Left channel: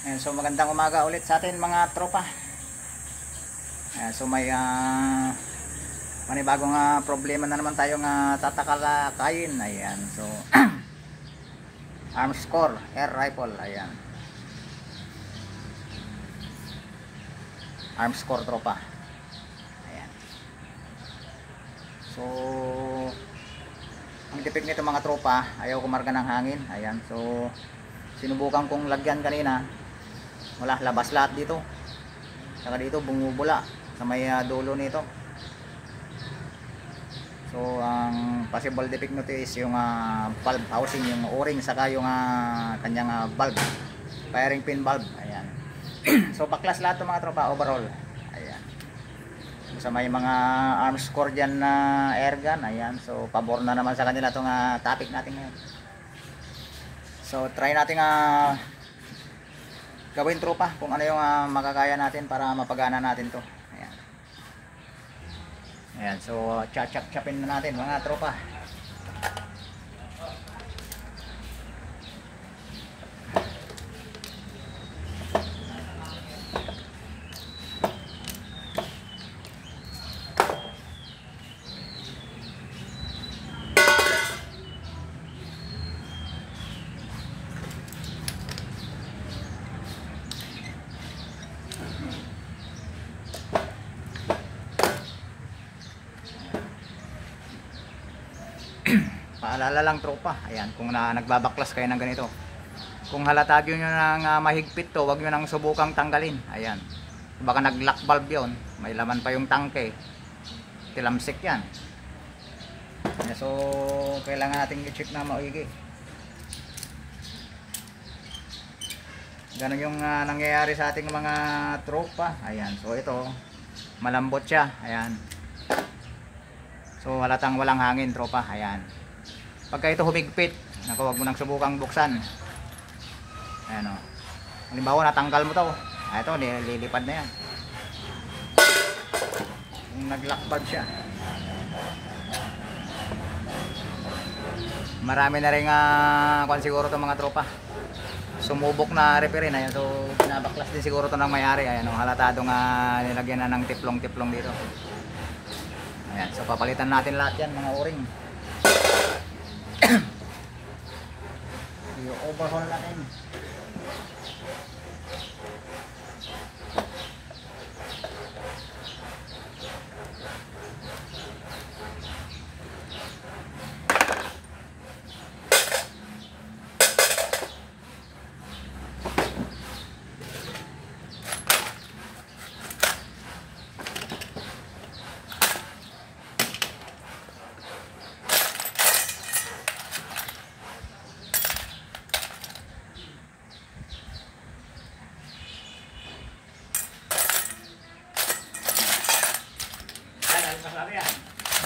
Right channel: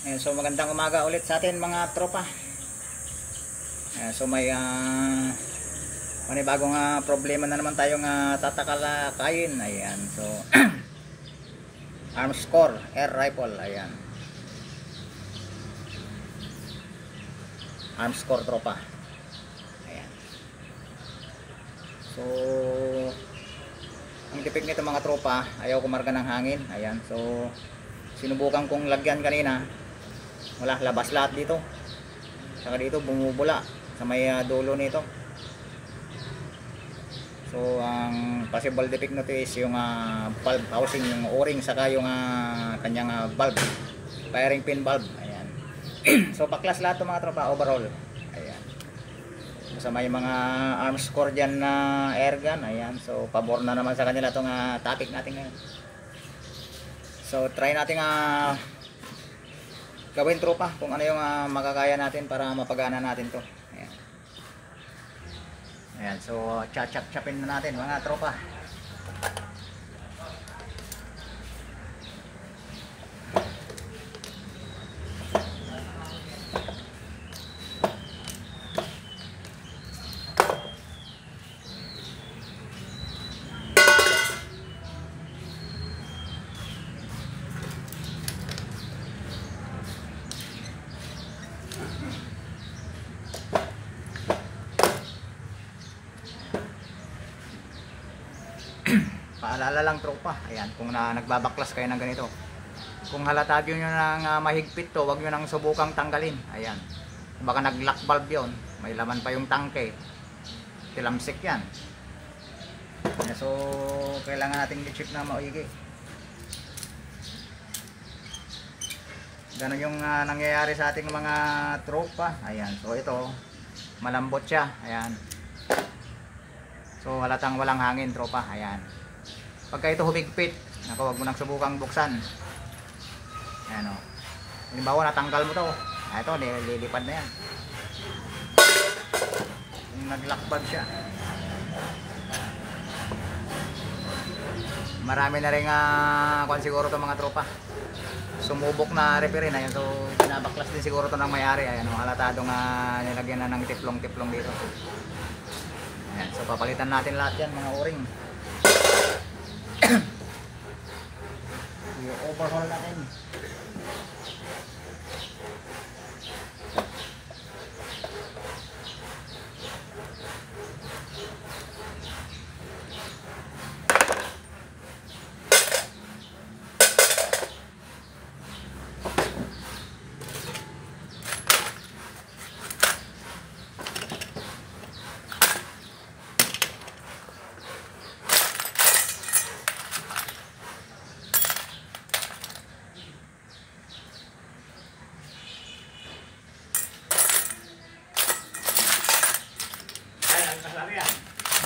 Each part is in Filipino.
Ayan, so magandang umaga ulit sa atin mga tropa. Ayan, so may panibagong problema na naman tayong tatalakayin. Ayan, so Armscore air rifle. Ayan, Armscore tropa. Ayan. So ang defect nito mga tropa, ayaw kumarga ng hangin. Ayan, so sinubukan kong lagyan kanina, wala, labas lahat dito. Saka dito bumubula sa may dulo nito. So ang possible defect nito is yung valve housing, yung o-ring, saka yung kanyang valve, firing pin valve. Ayan. So baklas lahat 'to mga tropa, overall. Ayan. Sa may mga Armscore dyan na airgun. Ayan, so pabor na naman sa kanila itong topic natin ngayon. So try natin gawin tropa kung ano yung makakaya natin para mapagana natin to. Ayan. Ayan, so chap-chapin na natin mga tropa. Paalala lang tropa, ayan, kung nagbabaklas kayo ng ganito, kung halata nyo nang mahigpit to, wag nyo nang subukang tanggalin. Ayan, baka nag-lock valve yun, may laman pa yung tangke, tilamsik yan. So kailangan natin i-chip na maigi. Ganun yung nangyayari sa ating mga tropa. Ayan, so ito malambot siya. Ayan, so halatang walang hangin tropa. Ayan, pagka ito humigpit, huwag mo nang subukang buksan. Ayan o. Halimbawa natanggal mo to, ito nililipad na yan. Yung nag-lock valve siya. Marami na rin kung siguro to mga tropa sumubok na repair. Ayan, so pinabaklas din siguro to ng may-ari. Ayan, halatadong nilagyan na ng tiplong-tiplong dito. Ayan, so papalitan natin lahat yan mga o-ring. I-overhaul natin.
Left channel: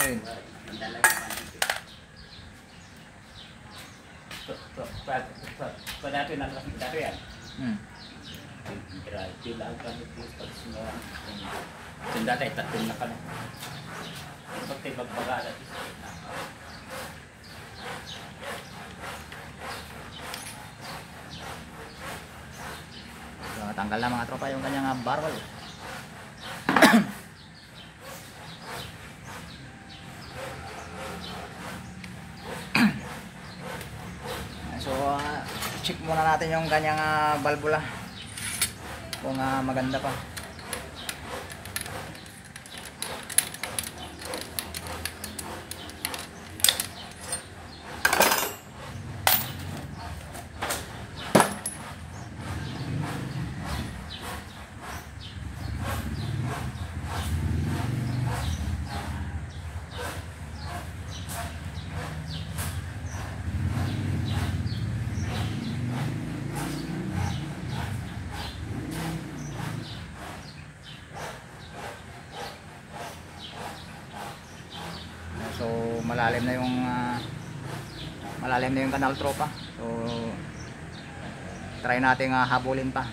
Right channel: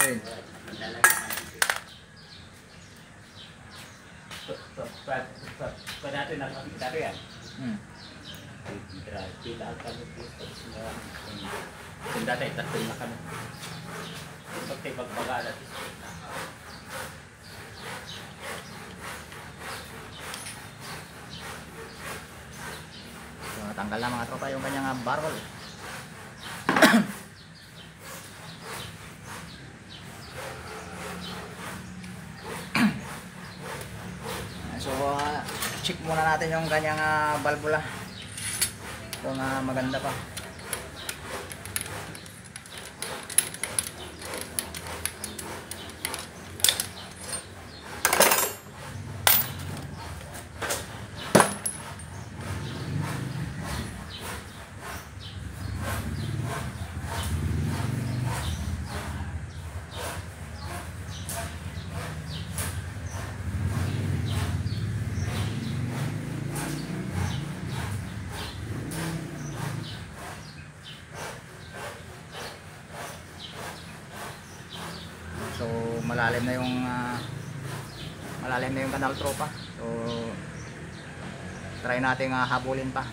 Ayun. So dati nakakita yan. Yung dati tatlong na kami. Pag tayo magbaga dati. So natanggal na mga tropa yung kanyang barrel. So check muna natin yung kanyang valvula kung maganda pa. So malalim na yung kanal tropa. So try natin habulin pa.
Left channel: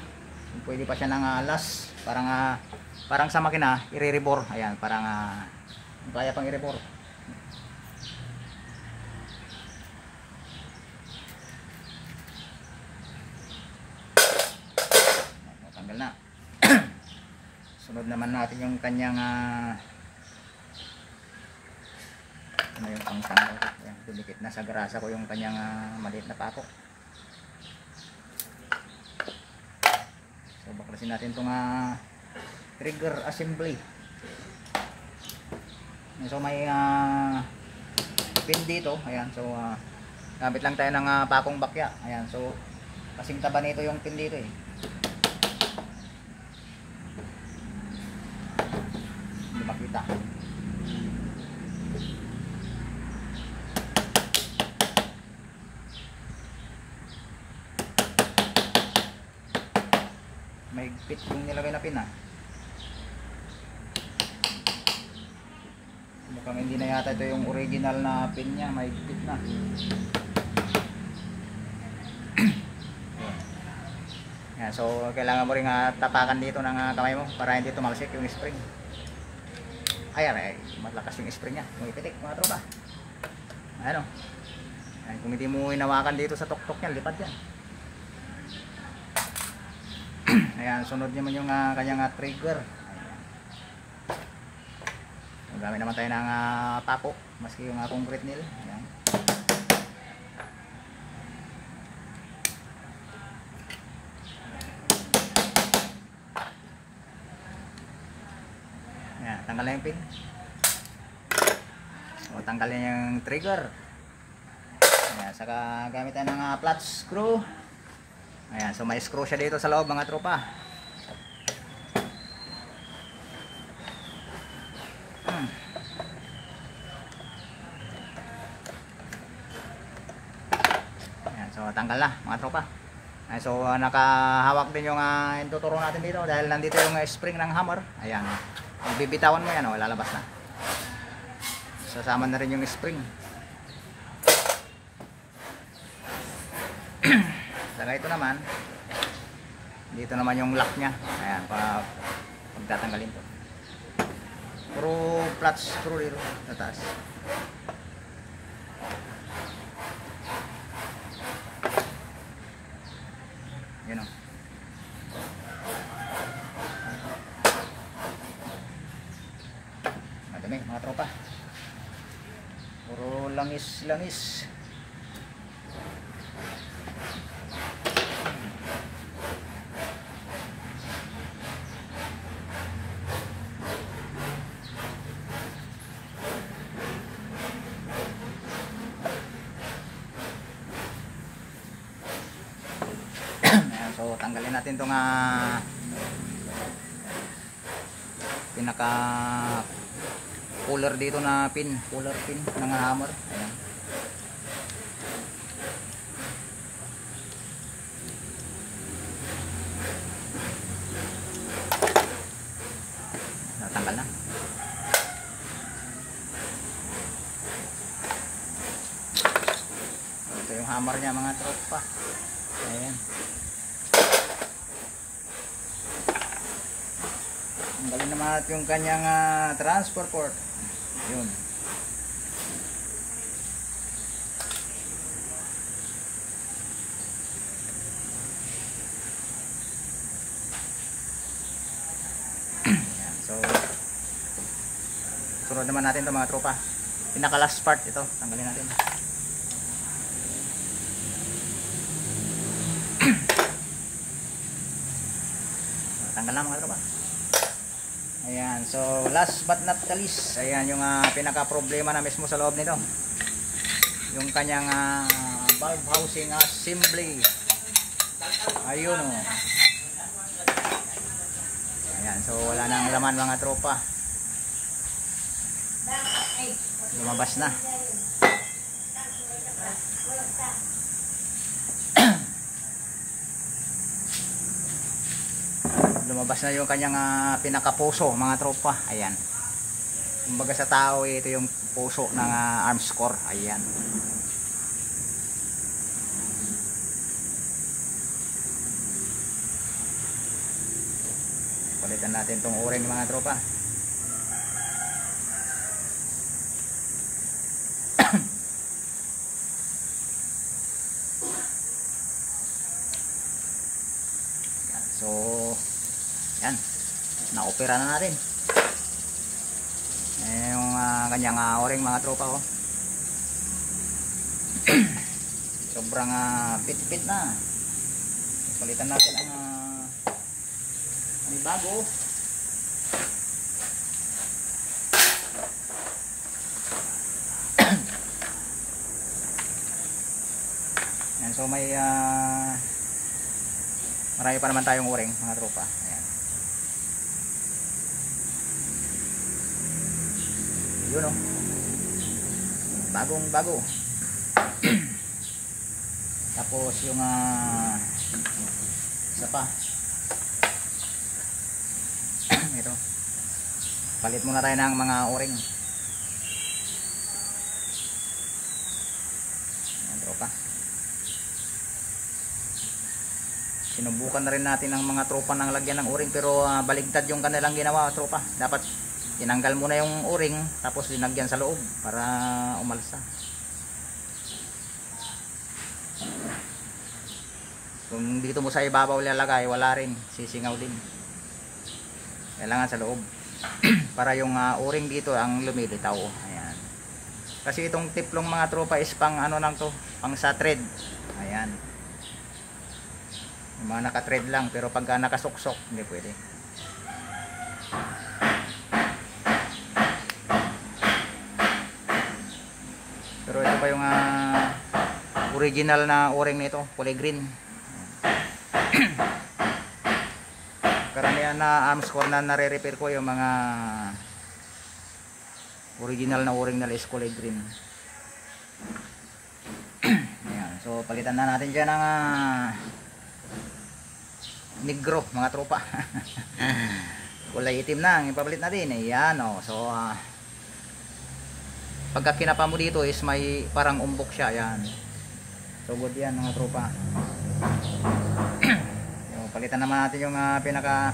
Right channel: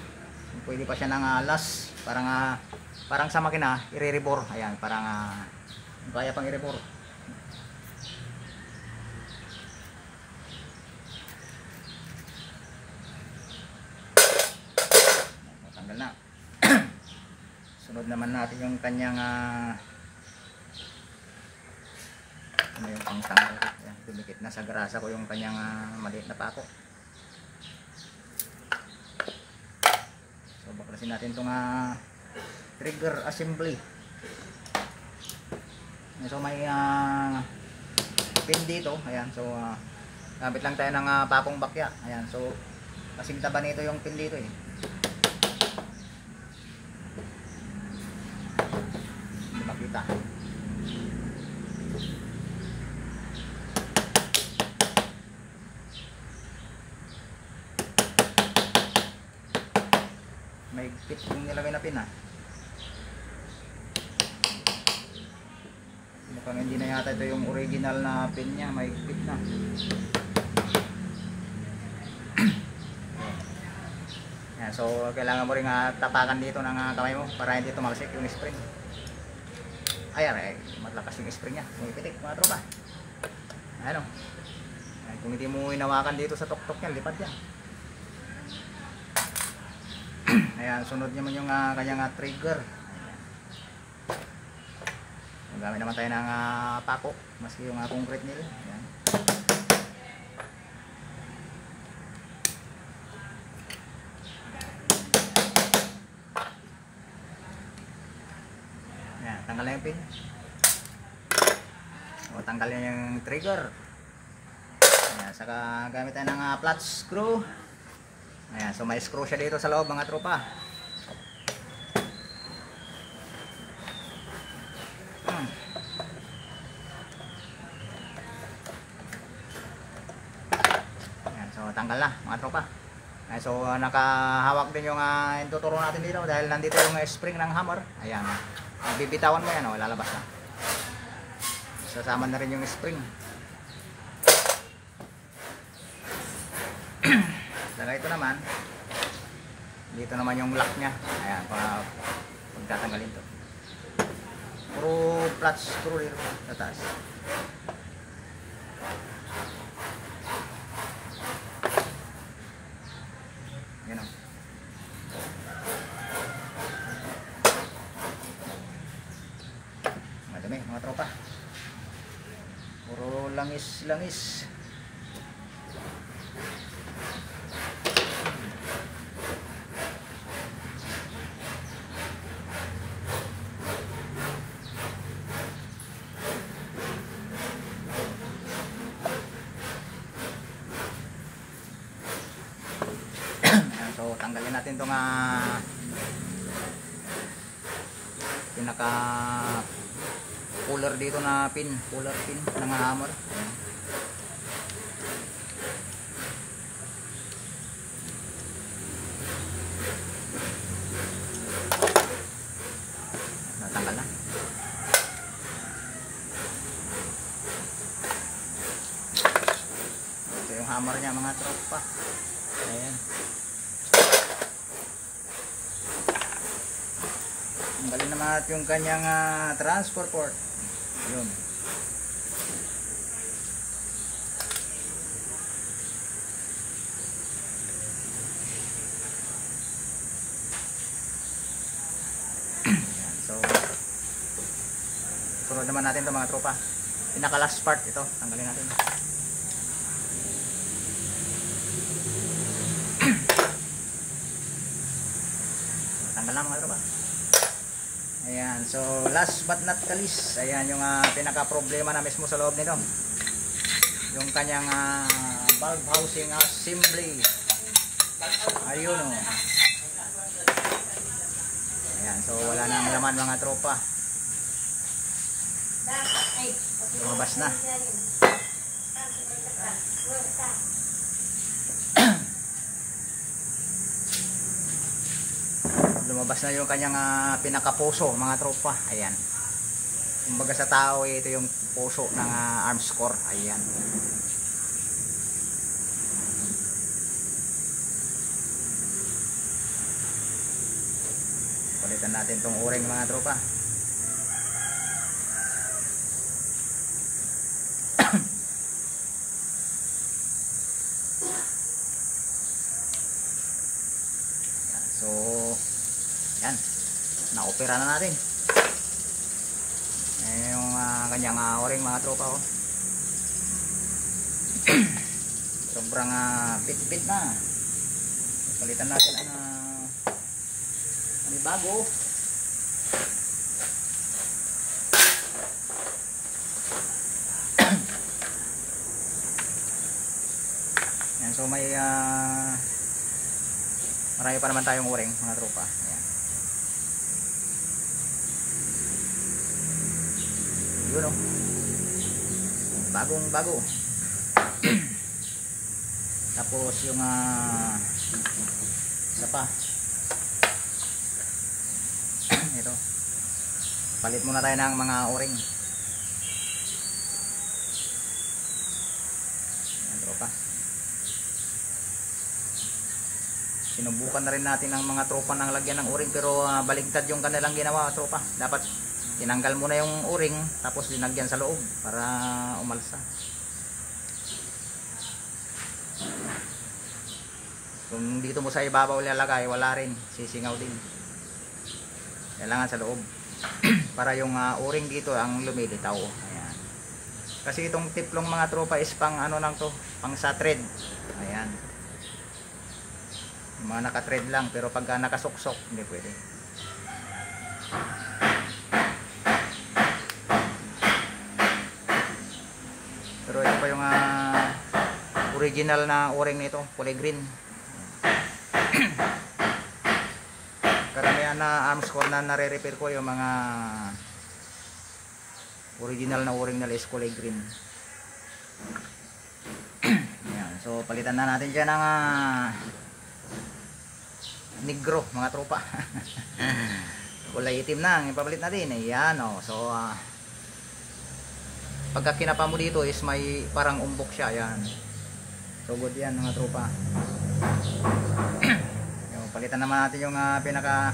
Pwede pa siya ng alas, parang sa makina i-rebore. Ayan, parang kaya pang i-rebore. Sunod naman natin yung kanyang ano yung pangtanggal. Ayan, dumikit na sa grasa ko yung kanyang maliit na pako. So baklasin natin itong trigger assembly. So may pin dito. Ayan, so gamit lang tayo ng pakong bakya. Ayan, so kasing taba nito yung pin dito eh. Hindi makita. May pit yung nilagay na pin mukhang hindi na yata ito yung original na pin niya, may pit na. Yan, so kailangan mo rin tapakan dito ng kamay mo para hindi tumalsik yung spring. Ayan, malakas yung spring niya, may pitik mga tropa. Ano, kung hindi mo inawakan dito sa tuktok niya, lipad yan. Ayan, sunod naman yung kanyang trigger. Gamit naman tayo ng pako, maski yung concrete nila. Ayan. Ayan, tanggalin yung pin. O, tanggalin yung trigger. Ayan, saka gamit tayo ng flat screw. Ayan, so may screw siya dito sa loob mga tropa. Ayan, so tanggal na mga tropa. Ayan, so nakahawak din yung tuturo natin dito dahil nandito yung spring ng hammer. Ayan, bibitawan mo yan, lalabas na. Sasama na rin yung spring. Saka ito naman, dito naman yung lock nya. Ayan, para pagtatanggalin to. Puro flat screw rin itaas. Yan o. Madami mga tropa. Puro langis-langis. So tanggalin natin itong pinaka puller dito na pin, puller pin ng hammer. Ayan. Natanggal na. Ito yung hammer niya mga tropa. Ayan. Tanggalin naman natin yung kanyang transfer port. Yun. So, sunod naman natin ito mga tropa. Pinaka last part ito. Tanggalin natin. Tanggal na mga tropa. Ayan, so last but not the least, ayan yung pinaka problema na mismo sa loob nito. Yung kanyang valve housing assembly. Ayun o. Ayan, so wala nang laman mga tropa. Lumabas na. Lumabas na yung kanyang pinakapuso mga tropa. Ayan. Kumbaga sa tao ito yung puso ng arms core. Ayan. Palitan natin tong o-ring mga tropa. So yan. na-opera na natin. Yung kanyang o-ring mga tropa ko. Sobrang pit-pit na. Palitan natin ang bago. Yan, so may marami pa naman tayong o-ring mga tropa. Ayan. Yun o. Bagong bago. Tapos yung isa pa. Ito. Palit muna tayo ng mga o-ring. Ayan, tropa. Sinubukan na rin natin ang mga tropa ng lagyan ng o-ring, pero baligtad yung kanilang ginawa, tropa. Dapat tinanggal muna yung o-ring tapos linagyan sa loob para umalsa. Kung dito mo sa ibabaw ilalagay, wala rin, sisingaw din. Kailangan sa loob para yung o-ring dito ang lumilitaw. Ayan. Kasi itong tiplong mga tropa is pang ano lang to, pang sa thread. Ayan. Yung mga naka-thread lang, pero pagka nakasuksok hindi pwede. Pero ito pa yung original na o-ring nito, kulay green. Karamihan na arms core na nare-repair ko yung mga original na o-ring na is kulay green. Ayan, so palitan na natin dyan ng negro mga tropa. Kulay itim na ang ipapalit natin. Ayan o. So pagka kinapa mo dito is may parang umbok siya. Ayan. So good yan mga tropa. Palitan naman natin yung pinaka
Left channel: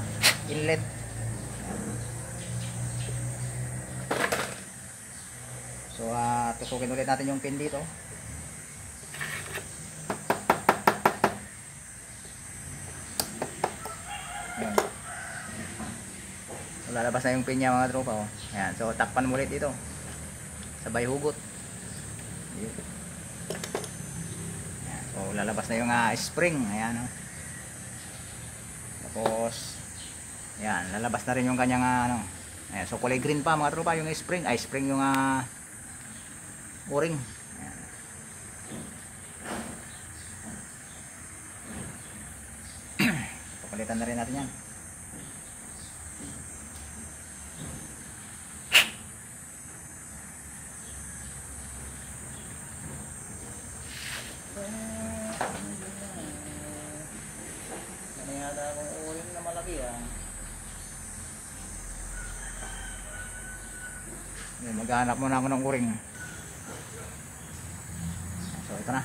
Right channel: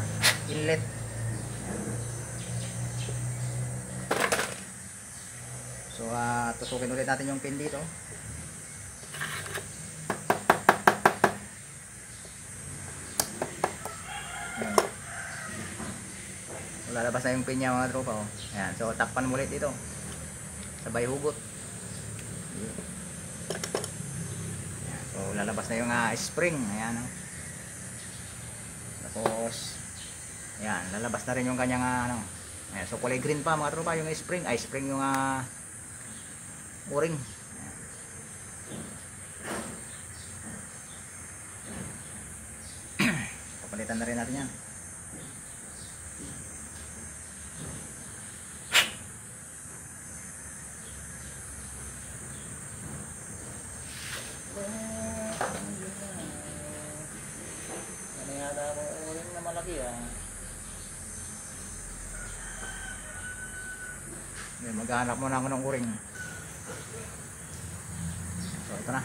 inlet. So tusukin ulit natin yung pin dito. Ayan. So, lalabas na yung pin niya mga tropa. Oh. Ayan. So takpan mo ulit dito. Sabay hugot. So lalabas na yung spring. Ayan. Tapos yan, lalabas na rin yung kanyang ayan, so kulay green pa mga tropa yung spring, spring yung o-ring. Papalitan na rin natin yan. Yata akong o-ring na malaki maghanap muna ako ng o-ring. So ito na,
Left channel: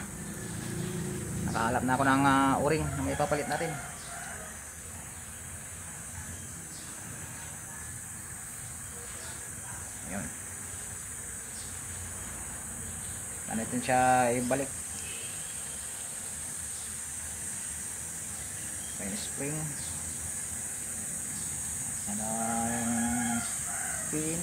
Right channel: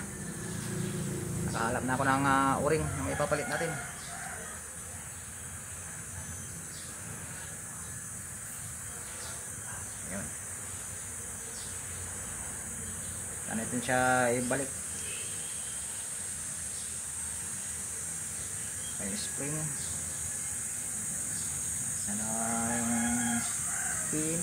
nakahanap na ako ng o-ring na may papalit natin. Ayan. Saan natin siya ibalik. Spring, sana pin,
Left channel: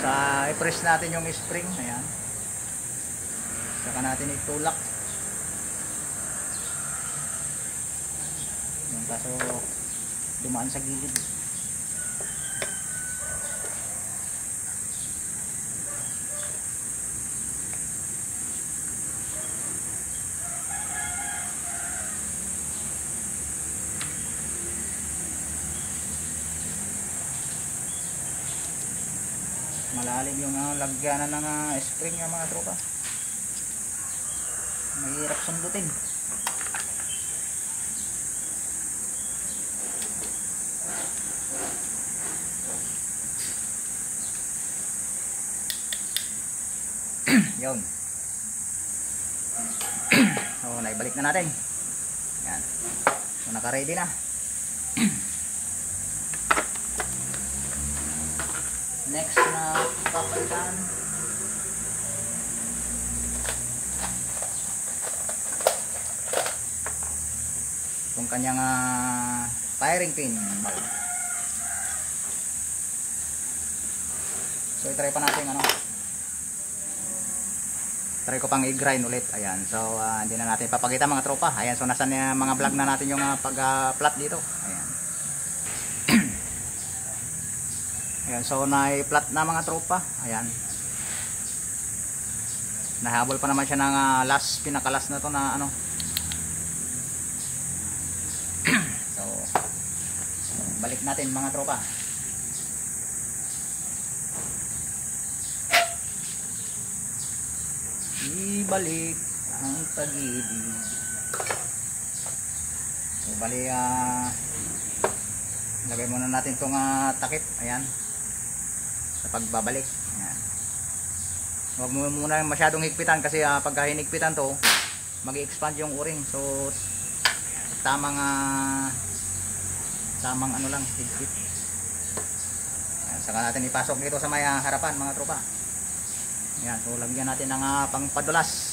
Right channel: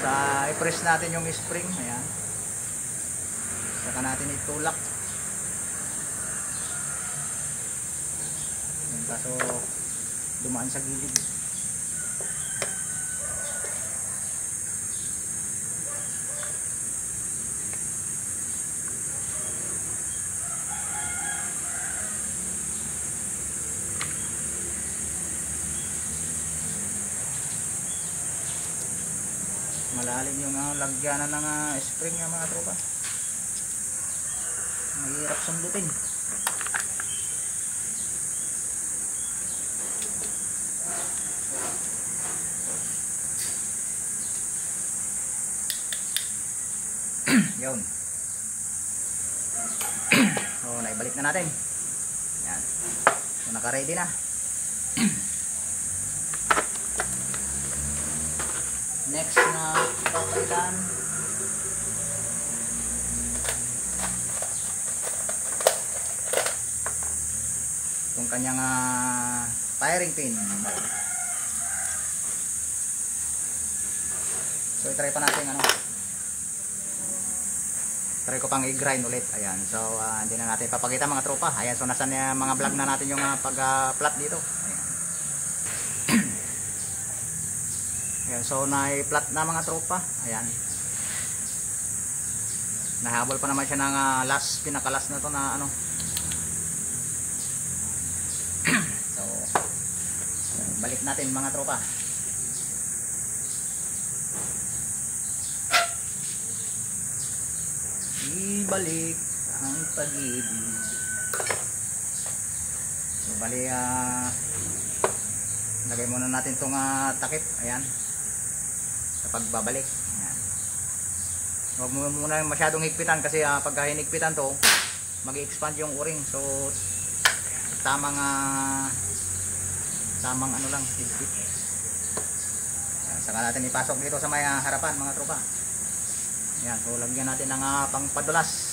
sa i-press natin yung spring. Ayan. Saka natin itulak. Ayan, kaso dumaan sa gilid. Malalim yung lagyanan ng spring ng mga tropa. Mahirap sundutin. Yun. So, naibalik na natin. Yan. So, naka-ready na. Next na papalitan yung kanyang firing pin. So try pa natin try ko pang i-grind ulit. Ayan, so hindi na natin papakita mga tropa. Ayan, so nasa mga vlog na natin yung pag-flat dito. Ayan. Ayan, so na-flat na mga tropa. Ayan, nahabol pa naman siya ng pinakalas na ito na so balik natin mga tropa. Ibalik ang pag-ibig. So bali lagay muna natin itong takip. Ayan, sa pagbabalik. Ayan, huwag mo muna masyadong higpitan kasi pagka hinigpitan to mag-i-expand yung o-ring. So tamang lang higpit. Ayan, saka natin ipasok dito sa may harapan mga tropa. Ayan, so lagyan natin ng pangpadulas.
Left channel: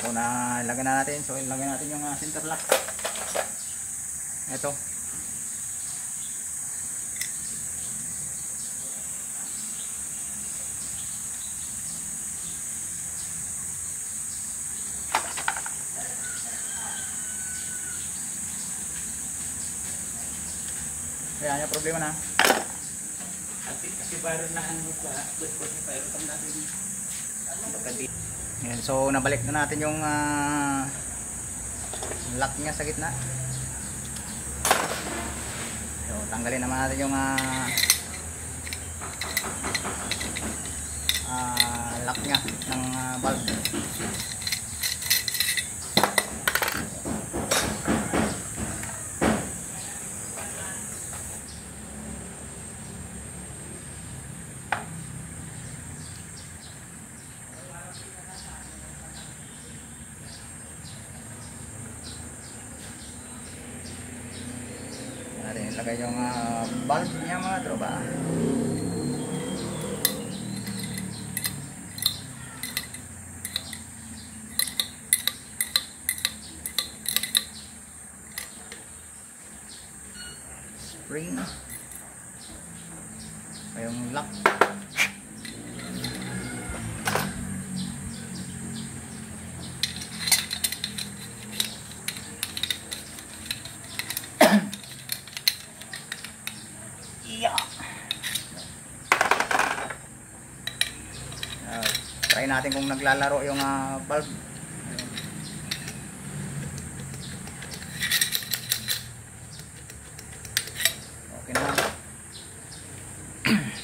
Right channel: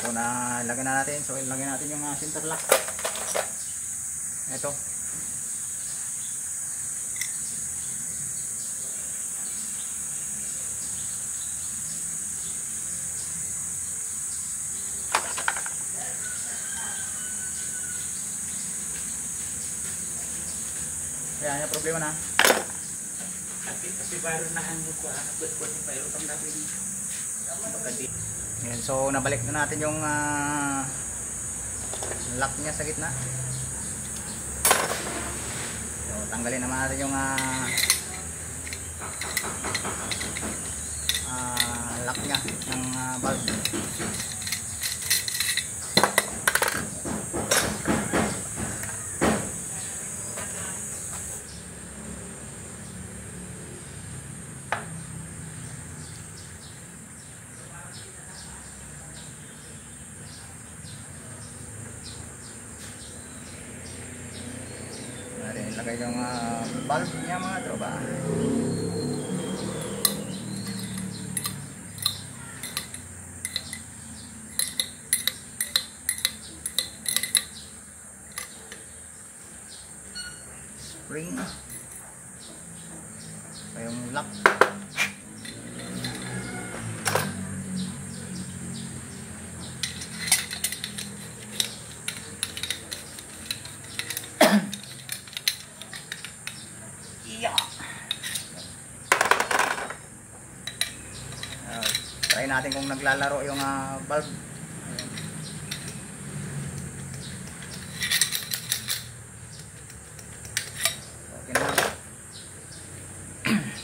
So lagyan na natin. So ilagyan natin yung center lock. Ito. Ayan, yung problema na. Kasi viral na ang buka. Buat viral kami natin. Ayan, so nabalik na natin yung lock niya sa gitna. So tanggalin naman natin yung lock niya ng valve. Lagay yung valve niya mga tropa. Spring. Yung lock. Try natin kung naglalaro yung valve. Okay na.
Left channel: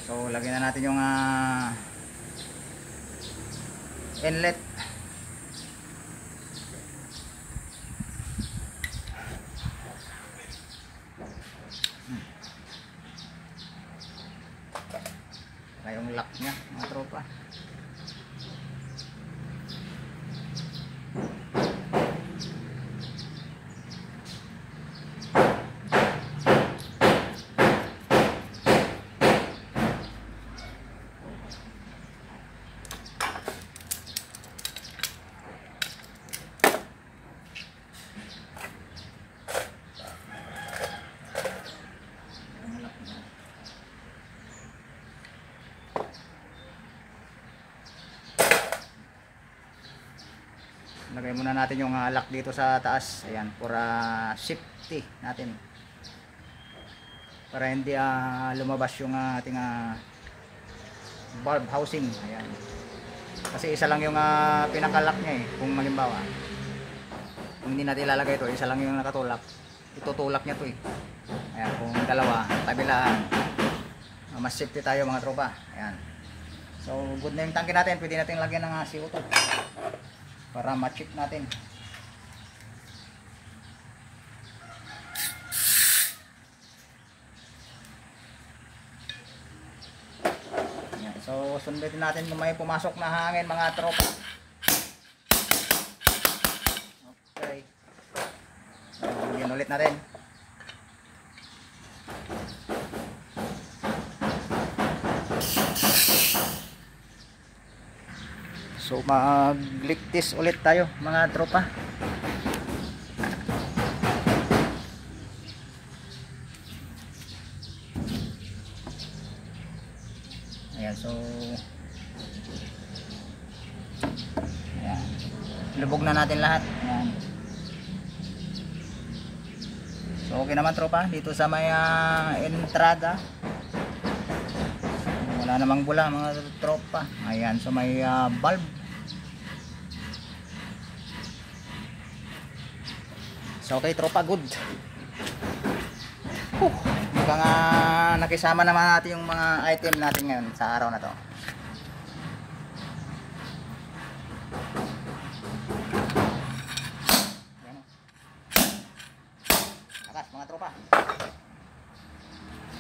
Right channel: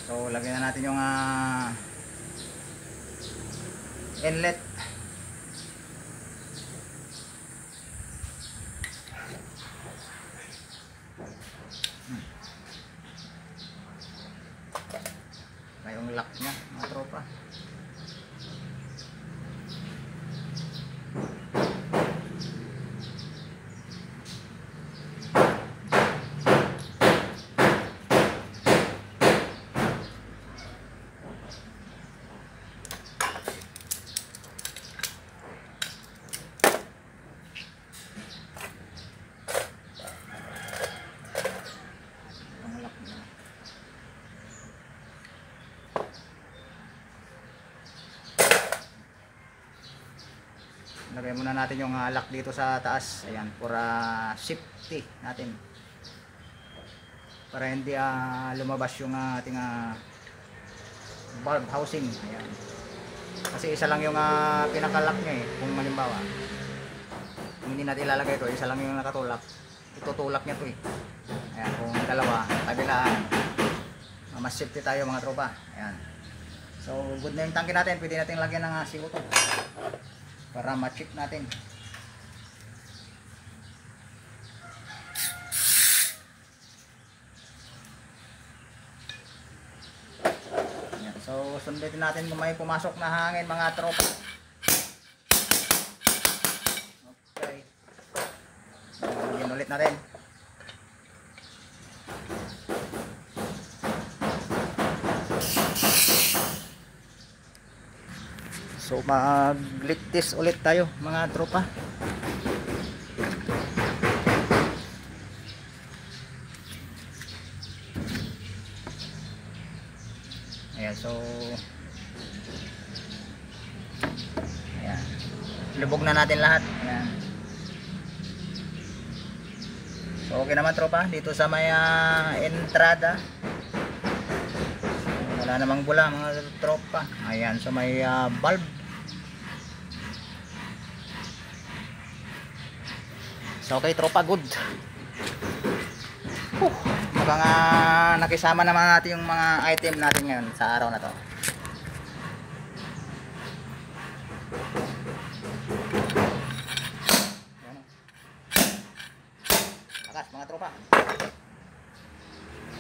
So lagyan na natin yung inlet. Yung lock niya mga tropa. Lagay muna natin yung lock dito sa taas. Ayan, para safety natin. Para hindi lumabas yung ating valve housing. Ayan. Kasi isa lang yung pinaka-lock niya kung malimbawa. Kung hindi natin ilalagay ito, isa lang yung nakatulak. Itutulak niya ito Ayan, kung dalawa, kabilaan. Mas safety tayo mga tropa. Ayan. So, good na yung tangke natin. Pwede natin lagyan ng CO2. Para ma-check natin. sundutin natin kung may pumasok na hangin mga tropa. Okay. Yan ulit na rin. So mag-lick ulit tayo mga tropa. Ayan, so ayan, lubog na natin lahat. Ayan. So okay naman tropa dito sa may entrada. Wala namang bula mga tropa. Ayan, so may bulb. So okay tropa, good. Mukhang nakisama naman natin yung mga item natin ngayon sa araw na to. Ayan. Lakas mga tropa.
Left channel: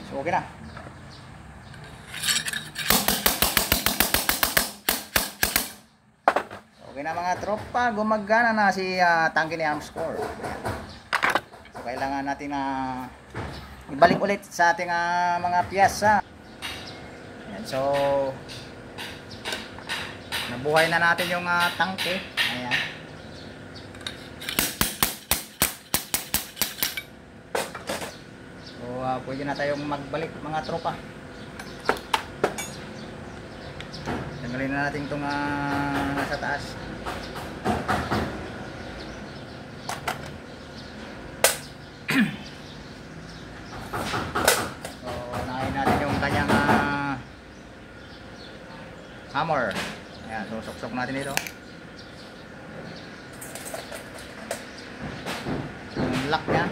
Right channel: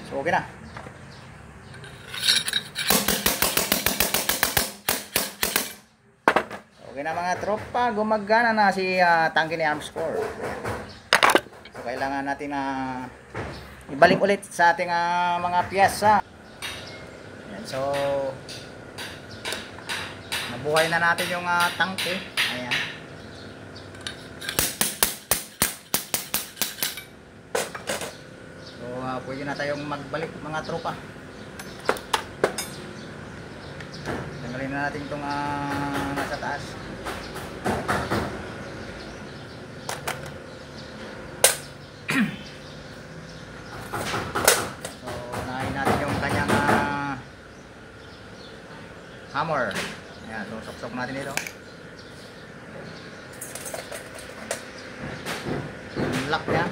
So okay na. Okay na mga tropa, gumagana na si tangke ni Armscore. Ayan. So kailangan natin na ibalik ulit sa ating mga piyesa. Ayan, so nabuhay na natin yung tangke. Ayan. So pwede na tayong magbalik mga tropa. Tingnan na natin itong nasa taas. So unahin natin yung kanyang hammer. Ayan, so suksok natin ito. Lock na.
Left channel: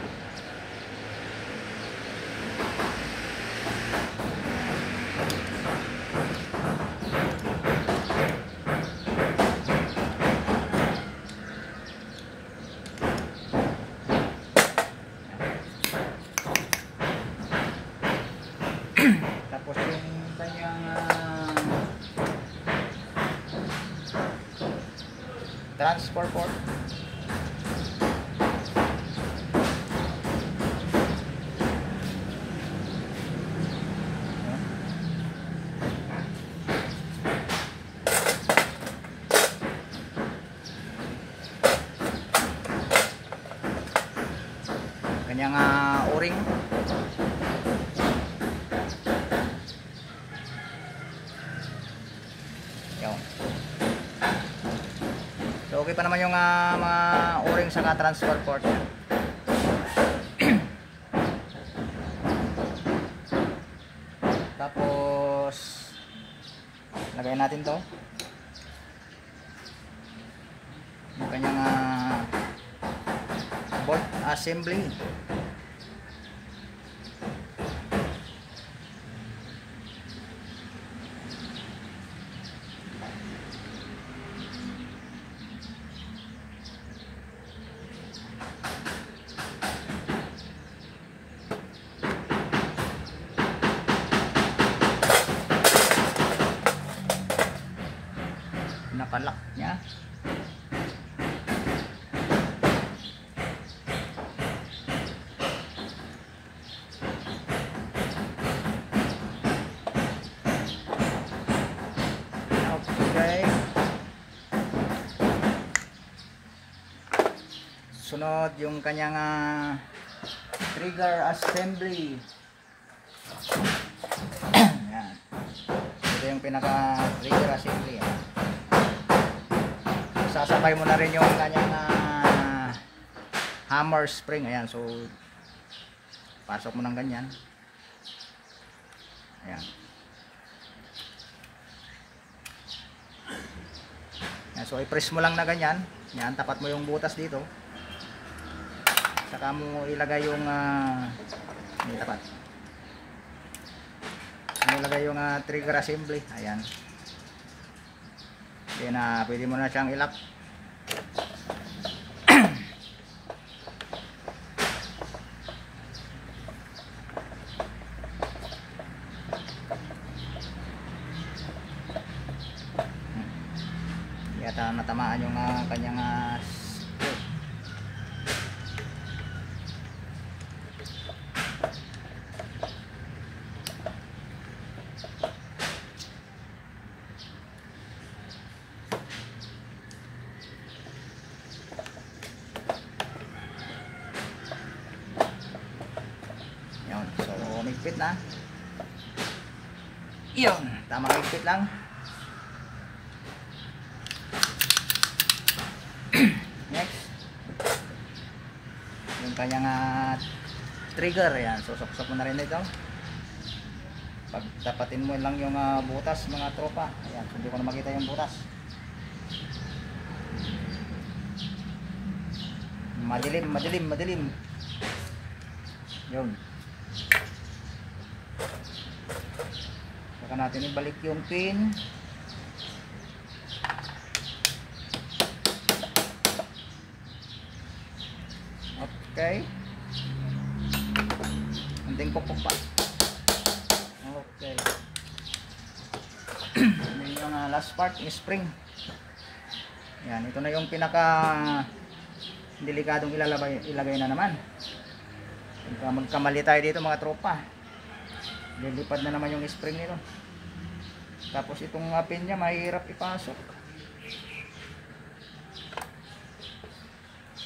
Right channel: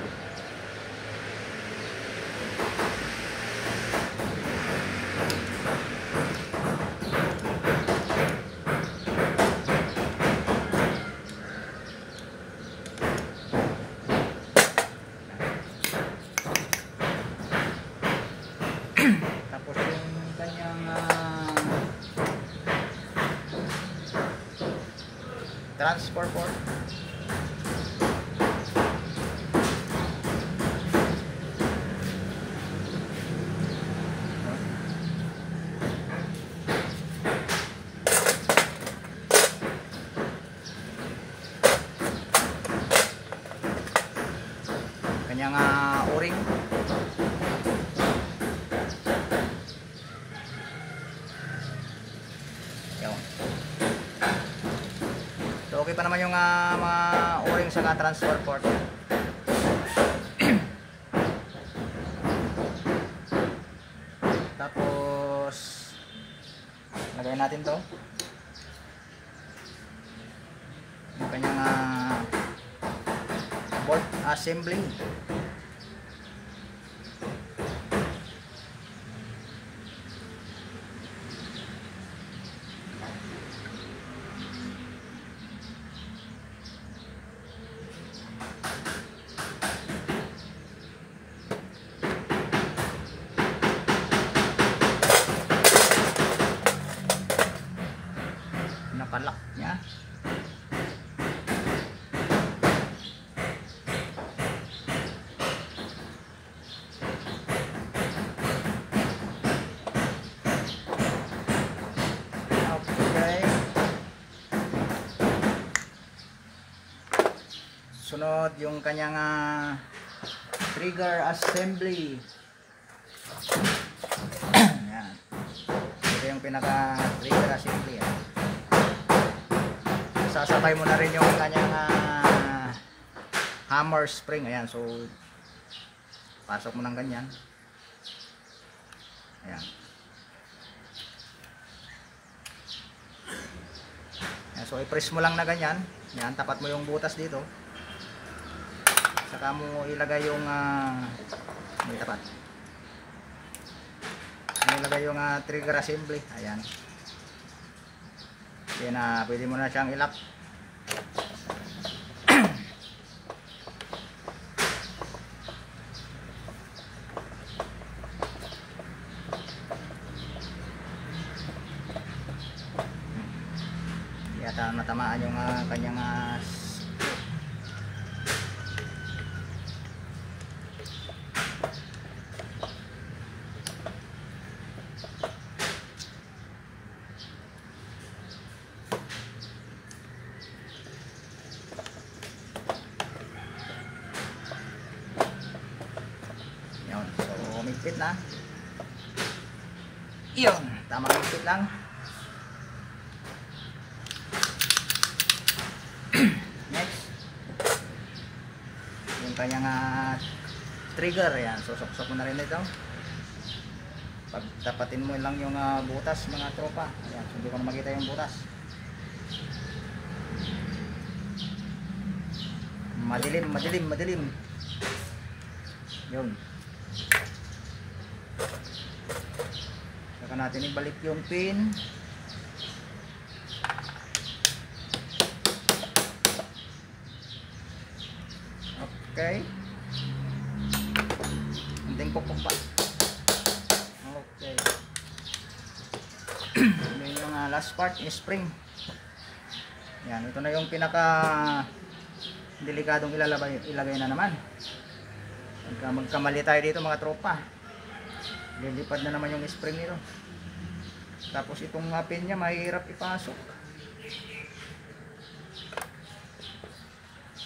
Tapos yung kanyang transfer port. Kanyang o-ring. So okay pa naman yung mga o-ring sa transfer port. Tapos lagay natin to yung kanyang bolt assembly. Nakalak niya. Okay. Sunod yung kanyang trigger assembly. Yan. Ito yung pinaka trigger assembly. Sasabay mo na rin yung kanyang hammer spring. Ayan, so pasok mo ng ganyan. Ayan. Ayan, so i-press mo lang na ganyan. Ayan, tapat mo yung butas dito. Saka mo ilagay yung hindi tapat. Ilagay yung trigger assembly. Ayan. Yan na, pwede mo na siyang ilak. matamaan yung kanyang screw. Yun, so umigpit na. Yun, tama umigpit lang. Next, yung kanyang trigger, yan, susok-sok mo na rin ito. Pagtapatin mo lang yung butas mga tropa. Ayan, so hindi ko na makita yung butas. Madilim. Yun. Saka natin ibalik yung pin. Okay. Hinteng pukpuk pa. Okay. Ito yung last part, yung spring. Yan, ito na yung pinaka delikadong ilagay na naman. Magkamali tayo dito mga tropa. Lilipad na naman yung spring nito. Tapos itong pin niya mahirap ipasok.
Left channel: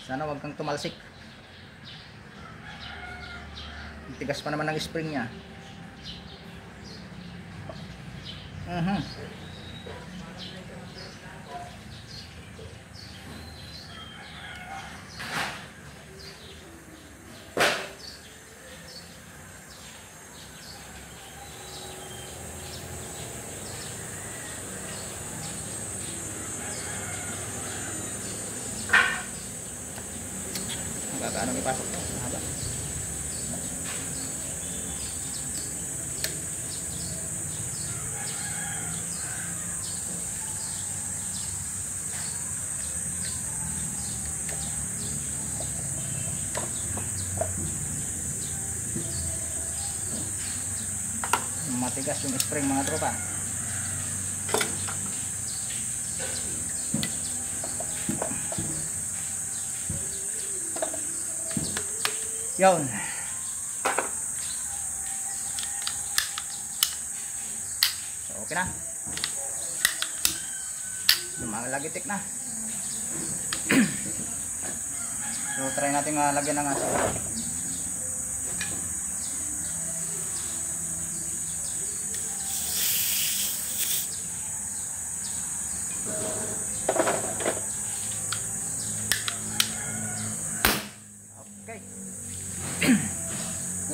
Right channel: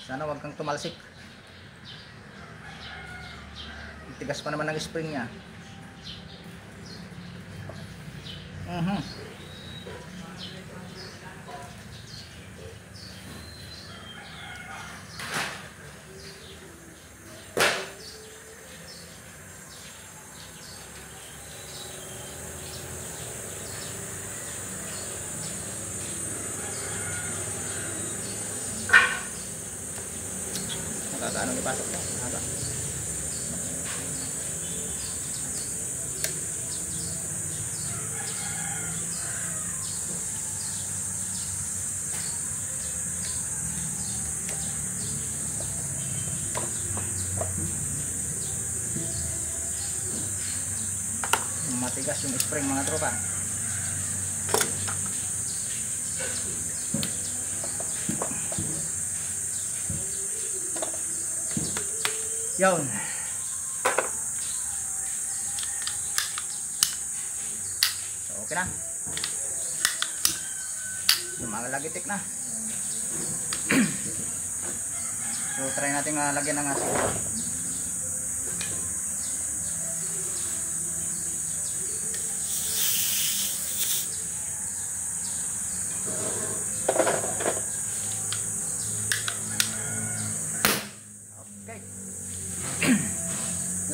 Sana wag kang tumalsik. Tigas pa naman ng spring niya. Magkakaano ipasok to? Mahaba. Matigas yung spring mga tropa. Yun. So okay na. Yung mga lagitik na. So try natin lagyan ng asin.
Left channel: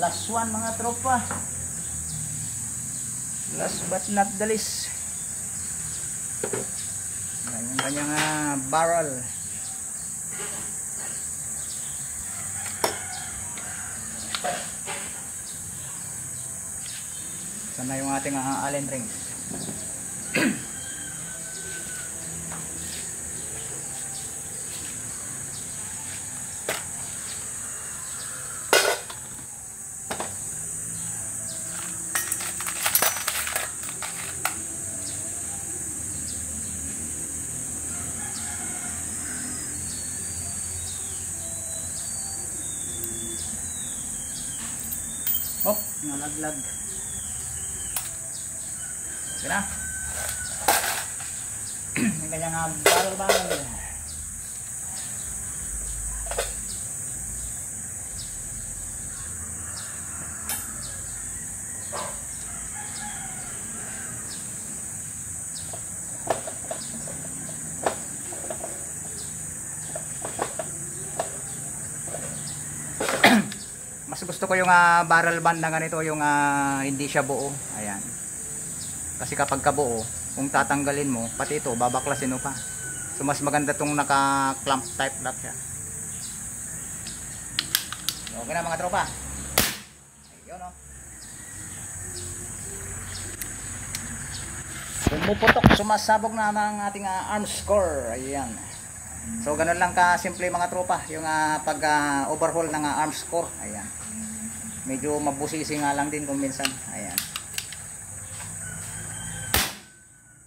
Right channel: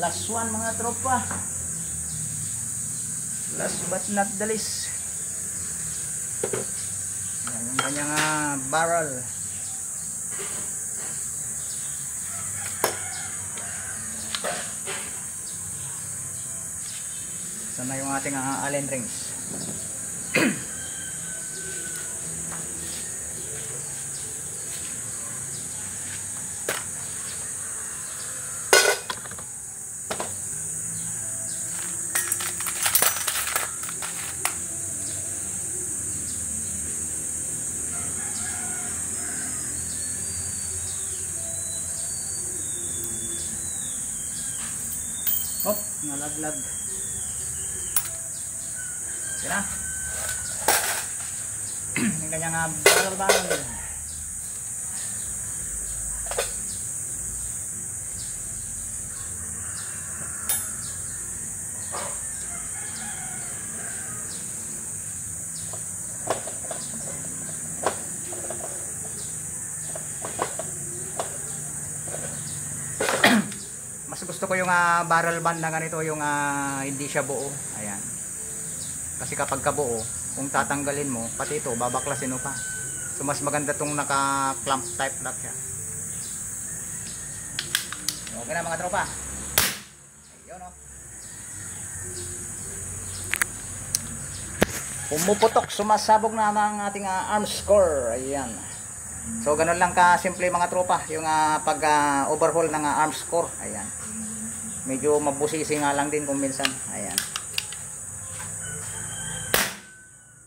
Last one mga tropa. Last but not the least. Yan yung kanyang barrel. Sana yung ating Allen rings. Hop, nalaglag. Okay na. Yung kanyang barrel. Mas gusto ko yung barrel band na ganito, yung hindi siya buo. Ayan. Kasi kapag kabuo, kung tatanggalin mo, pati ito, babaklasin mo pa. So mas maganda tong naka-clamp type nut siya. Okay na mga tropa. Ayun o. Pumuputok, sumasabog na ang ating arm score. Ayan. So ganun lang ka simple mga tropa, yung pag overhaul ng arm score. Ayan. Medyo mabusisi nga lang din kung minsan. Ayan.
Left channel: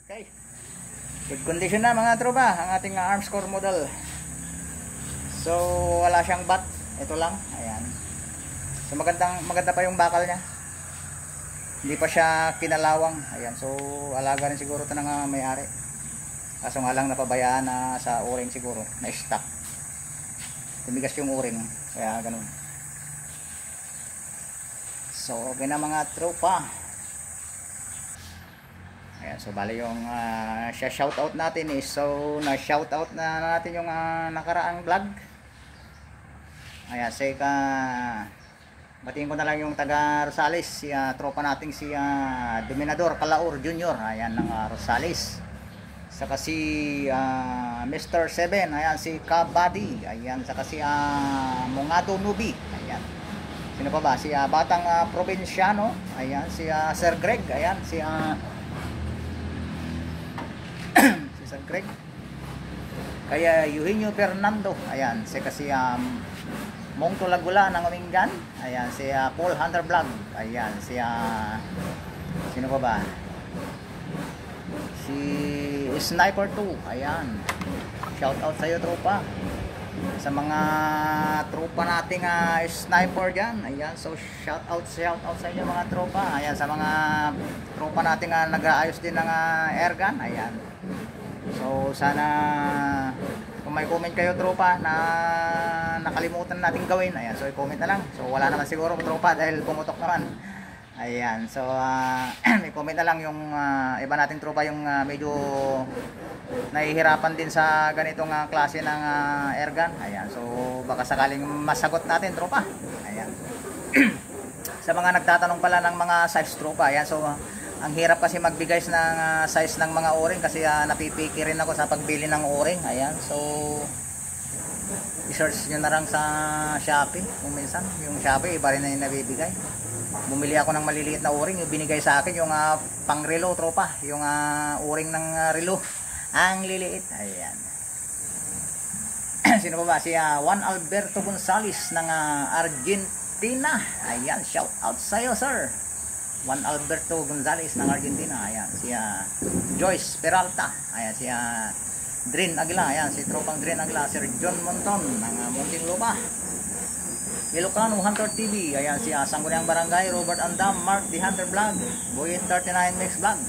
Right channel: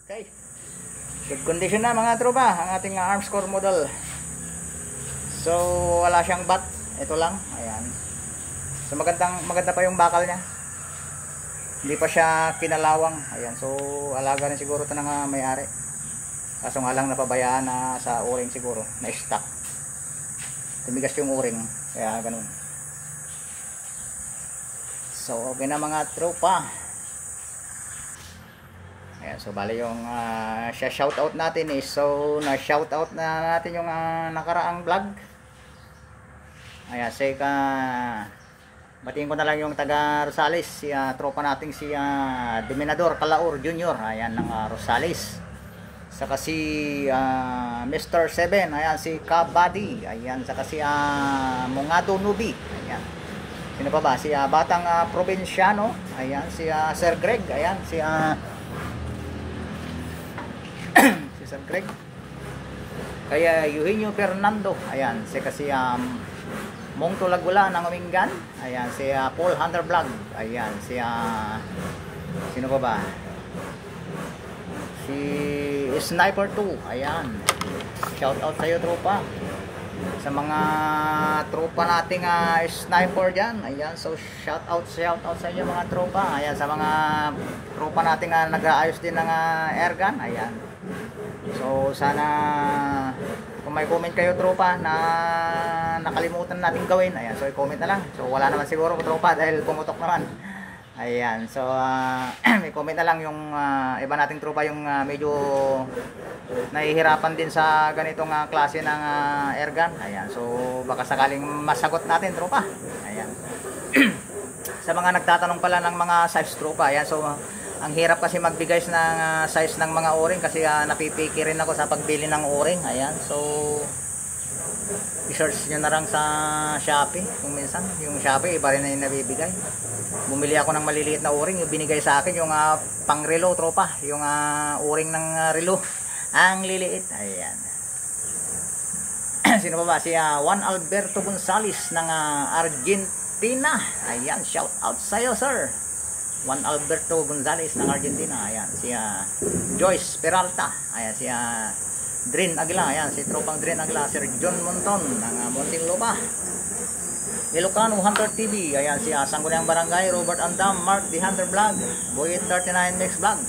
Okay. Good condition na mga tropa ang ating arms core model. So wala siyang bat, ito lang, ayan. So maganda pa yung bakal niya. Hindi pa siya kinalawang, ayan. So alaga rin siguro ito ng may-ari. Kaso nga lang napabayaan na sa o-ring siguro, na stock. Tumigas yung o-ring, kaya ganun. So okay na mga tropa. Ayan, so bali yung shoutout natin is, so na shoutout na natin yung nakaraang vlog. Ayan, batiin ko na lang yung taga Rosales, si tropa nating si Dominador Calaur Jr. Ayan, ng Rosales. Saka si Mr. 7, ayan, si Kabadi, ayan, saka si Mungado Nubi, ayan. Sino pa ba? Si Batang Provinciano, ayan, si Sir Greg, ayan, si si Sir Greg. Kaya Eugenio Fernando, ayan, si kasi Mong Tulagula ng Umingan, ayan, si Paul Hunter Vlog, ayan, si sino pa ba? Si Sniper 2, ayan. Shout out sa iyo tropa. Sa mga tropa nating sniper diyan, ayan. So shout out sa inyo mga tropa. Ayan, sa mga tropa nating nag-aayos din ng airgun, ayan. So sana kung may comment kayo tropa na nakalimutan nating gawin, ayan, so i-comment na lang. So wala naman siguro tropa dahil pumutok naman. Ayan, so may comment na lang yung iba nating tropa yung medyo nahihirapan din sa ganitong klase ng airgun. Ayan, so baka sakaling masagot natin tropa. Ayan. Sa mga nagtatanong pala ng mga size tropa, ayan, so ang hirap kasi magbigay ng size ng mga o-ring kasi napipiki rin ako sa pagbili ng o-ring. Ayan, so i-search nyo na lang sa Shopee kung minsan. Yung Shopee iba rin na yung nabibigay. Bumili ako ng maliliit na o-ring, yung binigay sa akin yung pang relo tropa, yung o-ring ng relo, ang liliit. Ayan. Sino pa ba? Si Juan Alberto Gonzales ng Argentina. Ayan, shout out sa iyo sir, Juan Alberto Gonzales ng Argentina. Ayan, si Joyce Peralta. Ayan, si Drin Aguila. Ayan, si tropang Drin Aguila. Sir John Monton ng Muntinlupa. Ilocano Hunter TV. Ayan, si Sangguniang Barangay Robert Andam, Mark the Hunter Vlog, Boy 39 Mix Vlog.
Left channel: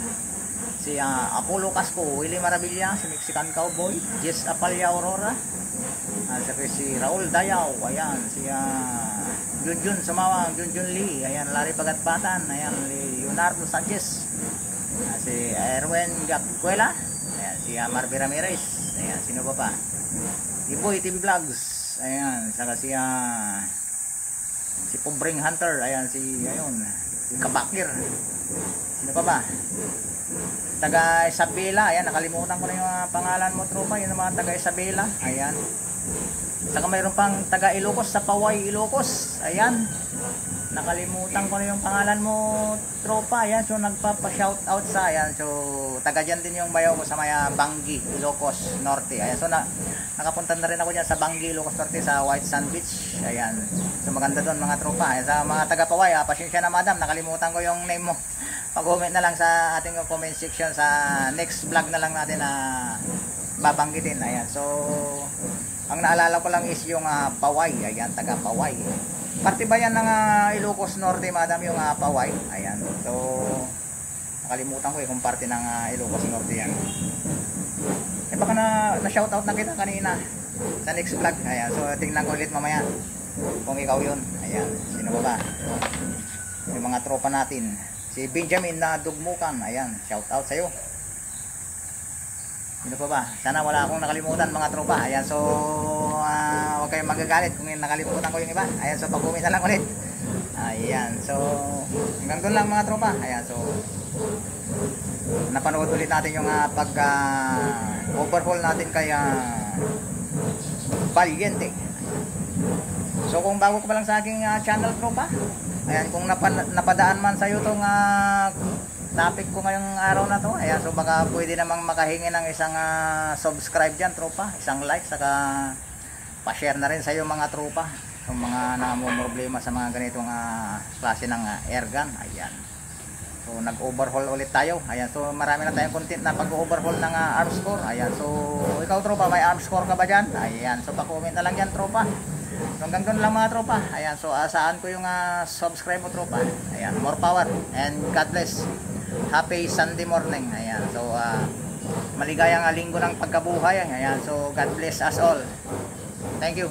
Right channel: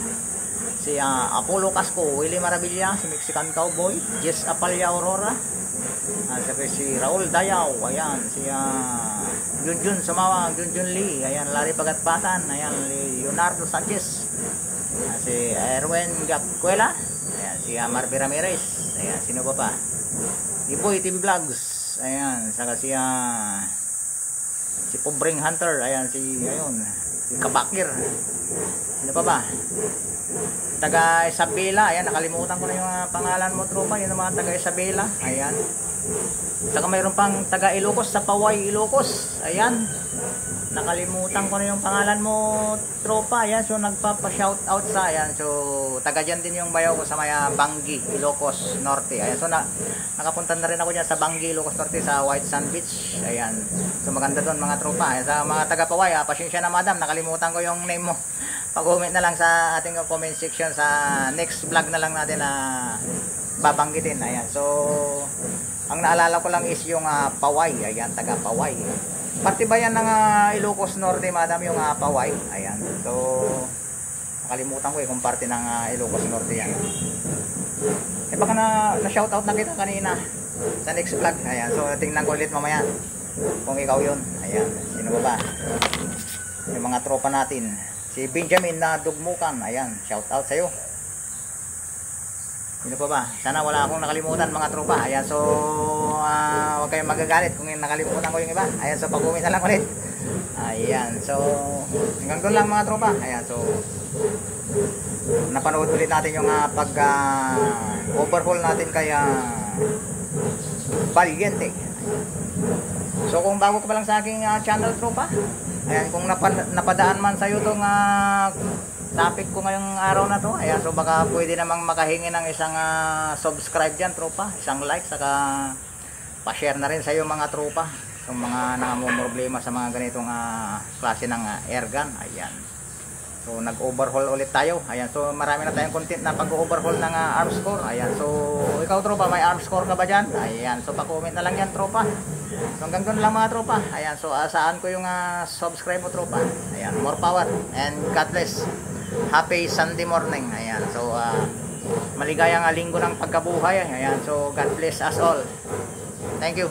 Si Apollo Casco, Willie Maravilla, si Mexican Cowboy, Jess Apalia Aurora. Si Raul Dayaw. Ayan, si Junjun Sumawang, Junjun Lee. Ayan, Larry Pagatpatan. Ayan, Leonardo Sanchez. Si Erwin Gapcuela. Ayan, si Marby Ramirez. Ayan, sino pa? Iboy TV Vlogs. Ayan, saka si Pobreng Hunter. Ayan, si Kabakir. Sino pa ba? Taga Isabela. Ayan, nakalimutan ko na yung pangalan mo tropa. Yun ang mga taga Isabela. Ayan. Saka mayroon pang taga Ilocos sa Paway, Ilocos. Ayan. Nakalimutan ko na yung pangalan mo tropa. Ayan, so nagpapa-shout out sa, ayan, so taga dyan din yung bayaw ko sa maya Bangi, Ilocos Norte. Ayan, so nakapunta na rin ako dyan sa Bangi, Ilocos Norte, sa White Sand Beach. Ayan, so maganda doon mga tropa. Ayan, sa mga taga Paway, pasensya na madam, nakalimutan ko yung name mo. Pag-comment na lang sa ating comment section sa next vlog na lang natin na babanggitin. Ayan, so ang naalala ko lang is yung Paway. Ayan, taga Paway. Parte ba yan ng Ilocos Norte madam yung Paway? Ayan, so nakalimutan ko kung parte ng Ilocos Norte yan. Baka na shoutout na kita kanina sa next vlog. Ayan, so tingnan ko ulit mamaya kung ikaw yun. Ayan, sino ba? Yung mga tropa natin. Si Benjamin na Dugmukan. Ayan, shoutout sa'yo. Sino pa ba? Sana wala akong nakalimutan mga tropa. Ayan, so huwag kayong magagalit kung nakalimutan ko yung iba. Ayan, so pag-comment na lang ulit. Ayan, so hanggang doon lang mga tropa. Ayan, so napanood ulit natin yung overhaul natin kaya Valiente. Ayan. So kung bago ka pa lang sa aking channel tropa, ayan, kung napadaan man sa'yo itong topic ko ngayong araw na to, ayan, so baka pwede namang makahingi ng isang subscribe dyan tropa, isang like, saka pa-share na rin sa iyo mga tropa, yung mga namumroblema sa mga ganitong klase ng airgun. Ayan, so So nag-overhaul ulit tayo. Ayan, so marami na tayong content na pag-overhaul ng arms core. Ayan, so ikaw tropa, may arms core ka ba dyan? Ayan, so pa-comment na lang yan tropa. So hanggang doon lang mga tropa. Ayan, so asaan ko yung subscribe mo tropa. Ayan, more power and God bless. Happy Sunday morning. Ayan, so maligayang linggo ng pagkabuhay. Ayan, so God bless us all. Thank you.